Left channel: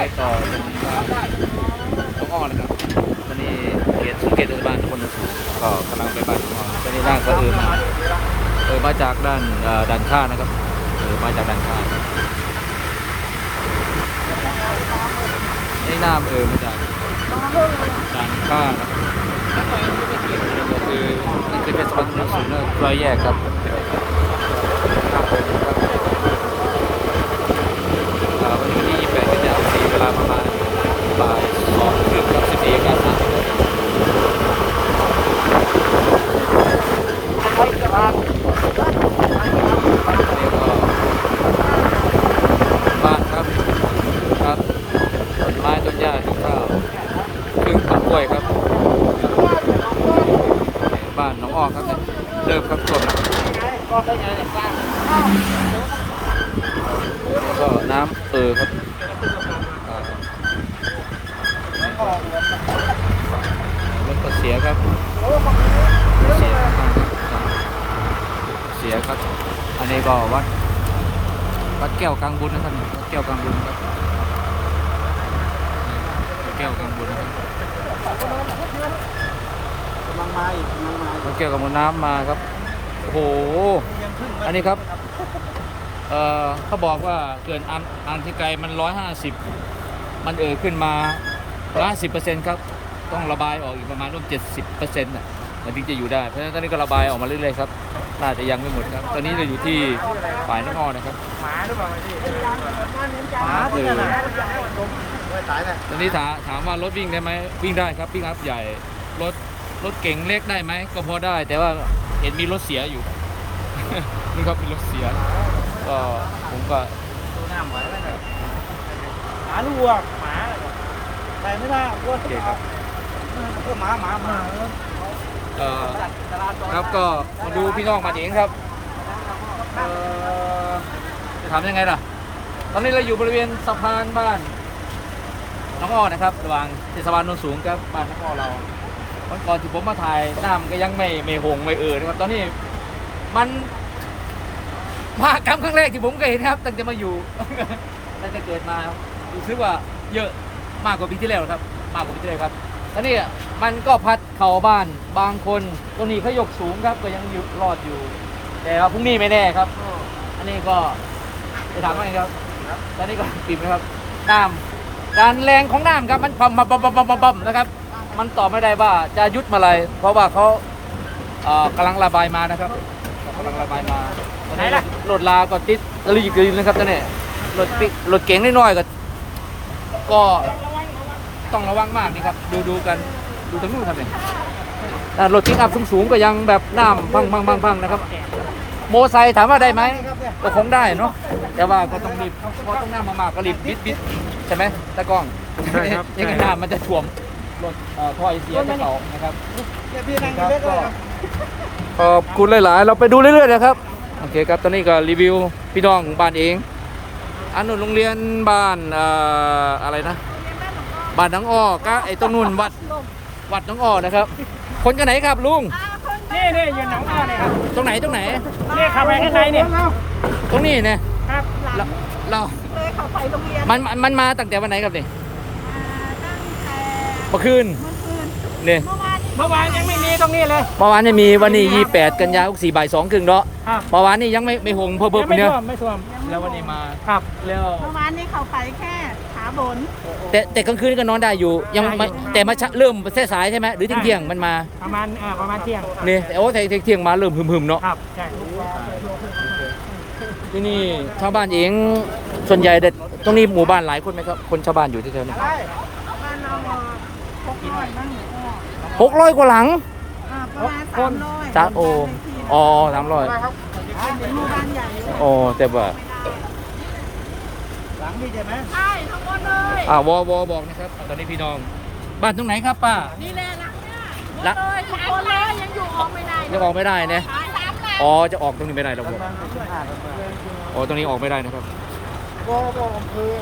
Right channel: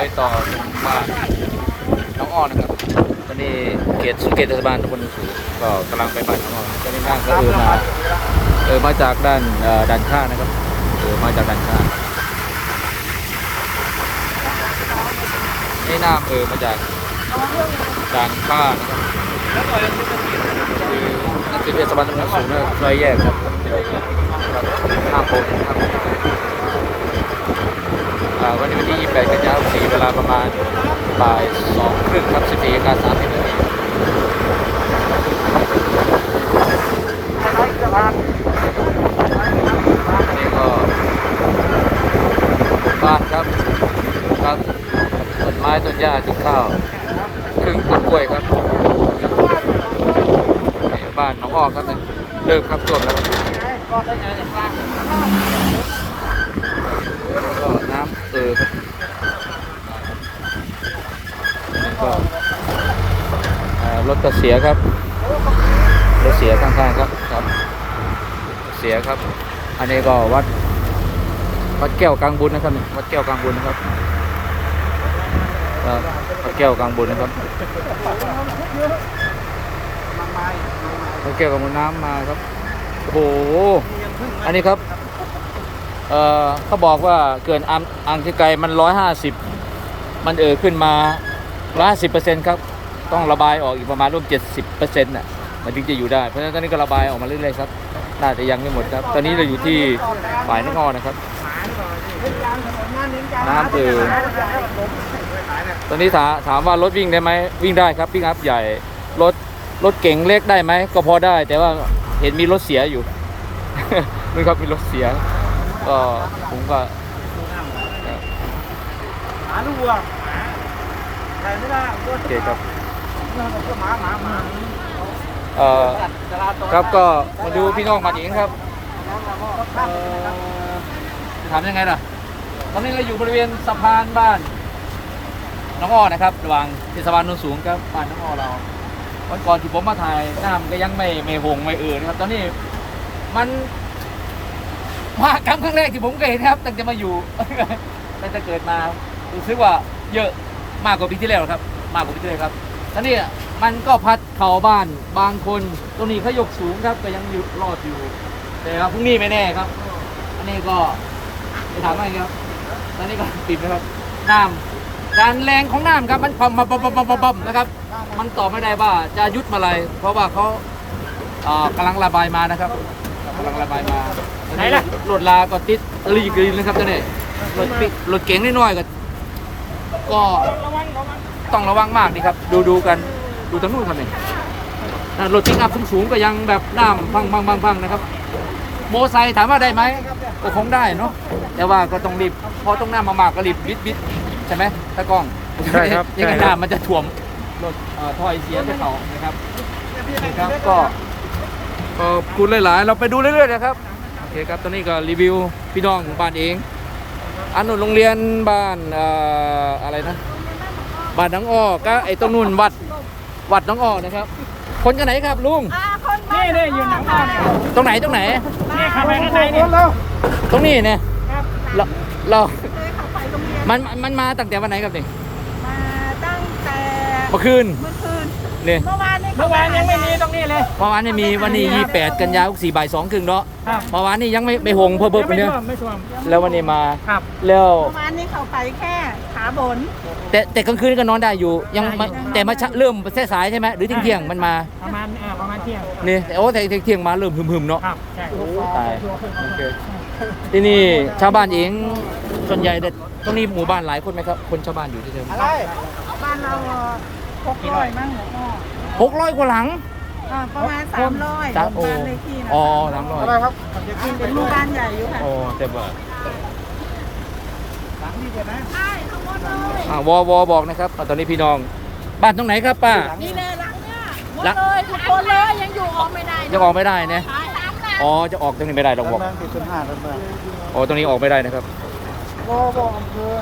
อยต่อตรงบ้านน้องอ้อนครับตอนนี้เขตเขตเทศบาลตำบลสูงก็กำลังไปบ้านน้องอ้อตอนนี้นั่งก็เออมาเออมาจากด้านเอ่อด้านข้างนะครับเออมาจากด้านข้างครับนี่น้ำเออมาจากด้านข้างนะครับอันนี้ก็คือนั่นคือเทศบาลตำบลสูงนะซอยแยกครับครับนั่งผมครับ วันนี้วันที่ 28 กันยายน4เวลาประมาณบ่าย2ครึ่งครับ 14นาฬิกา30 นาทีนนี้ก็บ้านครับครับต้นไม้ต้นหญ้าต้นข้าวครึ่งต้นกล้วยครับบ้านหนองอ้อครับเนี่ยเริ่มครับท่วมแล้วครับ ก็น้ำเออครับอันนี้ก็รถก็เสียครับรถเสียข้างๆครับครับ เสียครับ อันนี้ก็วัด วัดแก้วกลางบุญนะครับ วัดแก้วกลางบุญนะครับครับวัดแก้วกลางบุญนะครับวัดแก้วกลางบุญน้ำมาครับโอ้โหอันนี้ครับ เอ่อเขาบอกว่าเกินอังอังที่ไกลมันร้อยห้าสิบมันเอ่อขึ้นมาร้อยสิบเปอร์เซ็นต์ครับ ต้องระบายออกอีกประมาณร่วมเจ็ดสิบเปอร์เซ็นต์น่ะมันถึงจะอยู่ได้ เพราะฉะนั้นตอนนี้ก็ระบายออกมาเรื่อยๆครับ น่าจะยังไม่หมดครับ ตอนนี้เราอยู่ที่ฝ่ายนครนะครับ น้ำเอ่อตอนนี้ถามถามว่ารถวิ่งได้ไหมวิ่งได้ครับวิ่งอัพใหญ่ รถรถเก๋งเล็กได้ไหมก็พอได้ แต่ว่าเห็นมีรถเสียอยู่นี่ครับมีรถเสีย ก็ผมก็ครับหมาลูกหมาใครไม่ได้โอเคครับเอ่อครับก็มาดูพี่น้องมาเองครับเอ่อถามยังไงล่ะ ตอนนี้เราอยู่บริเวณสะพานบ้านน้องอ้อนะครับ ระหว่างเทศบาลโนนสูงกับบ้านน้องอ้อเราวันก่อนที่ผมมาถ่ายน้ำก็ยังไม่ไม่หงไม่เอ่อนะครับ ตอนนี้มัน มากรรมครั้งแรกที่ผมเคยเห็นะครับ ตั้งแต่มาอยู่ ตั้งแต่เกิดมารู้สึกว่าเยอะมากกว่าปีที่แล้วครับ มากกว่าปีที่แล้วครับตอนนี้มันก็พัดเข่าบ้านบางคนตรงนี้เขายกสูงครับก็ยังอยู่รอดอยู่ แต่ว่าพรุ่งนี้ไม่แน่ครับ อันนี้ก็จะถามว่าไงครับ ตอนนี้ก็กินนะครับน้ำการแรงของน้ำครับมันพอมมาบอมบอมบอมบอมนะครับ มันตอบไม่ได้ว่าจะยุดมาอะไรเพราะว่าเขากำลังระบายมานะครับ ครับกำลังระบายมาตอนนี้รถลาก็ติดรีบรีบนะครับตอนนี้รถปิรถเก๋งน้อยๆก็ก็ต้องระวังมากนี่ครับ ดูดูกันดูทางนู้นครับนี่อ่ารถปิกอัพสูงๆก็ยังแบบน้ำพังพังพังพังนะครับ โมไซค์ถามว่าได้ไหมก็คงได้เนาะแต่ว่าก็ต้องรีบเพราะต้องน้ำมามากก็รีบบิดบิดใช่ไหมตะกล้องใช่ครับยังไงใช่ครับน้ำมันจะถ่วมรถเอ่อถ้อยเสียจะเขานะครับนี่ครับก็ ขอบคุณหลาย ๆ เราไปดูเรื่อย ๆ นะครับ โอเคครับ ตอนนี้ก็รีวิวพี่น้องของบ้านเอง อันนู้นโรงเรียนบ้านเอ่ออะไรนะ บ้านน้องอ้อก็ไอ้ตรงนู้นวัด วัดน้องอ้อนะครับ คนกันไหนครับลุง นี่นี่ยืนหนังพ่อเนี่ยครับตรงไหนตรงไหน นี่เข้าไปข้างในเนี่ยตรงนี้เนี่ยครับเราเราเลยเขาไปโรงเรียน มันมันมันมาตั้งแต่วันไหนครับนี่มาตั้งแต่เมื่อคืน เมื่อคืนเนี่ยเมื่อวานนี้ เมื่อวานยังไม่มีตรงนี้เลย เมื่อวานนี่มีวันนี้ยี่แปดกันยายนสี่บ่ายสองครึ่งเนาะครับเมื่อวานนี่ยังไม่ไม่หงเพิ่มเพิ่มไปเนี่ยไม่ท่วมแล้ววันนี้มาครับแล้วเมื่อวานนี้เขาไปแค่ขาบน แต่แต่กลางคืนก็นอนได้อยู่ ยังไม่แต่มาชะเริ่มเส้สายใช่ไหมหรือเที่ยงเที่ยงๆมันมาประมาณอ่าประมาณเที่ยงนี่แต่โอ้แต่เที่ยงๆมาเริ่มหึมๆเนาะครับใช่โอ้ตายโอเคที่นี่ชาวบ้านเองส่วนใหญ่เด็ดตรงนี้หมู่บ้านหลายคนไหมครับ คนชาวบ้านอยู่ที่เท่านี้บ้านเรา หกร้อยบ้างเหรออ้อหกร้อยกว่าหลังอ่าประมาณสามร้อยสามโอบ้านเลขที่นะอ๋อสามร้อยเป็นหมู่บ้านใหญ่อยู่ค่ะโอ้แต่ว่านี่ใช่ไหมอ่าวอวอบอกนะครับอ่าตอนนี้พี่น้อง บ้านตรงไหนครับป้านี่แหละหลังเนี่ยหลังเลยทุกคนเลยยังอยู่ออกไม่ได้ยังออกไม่ได้นะอ๋อจะออกตรงนี้ไม่ได้เราบอกอ๋อตรงนี้ออกไม่ได้นะครับวอบออำเภอ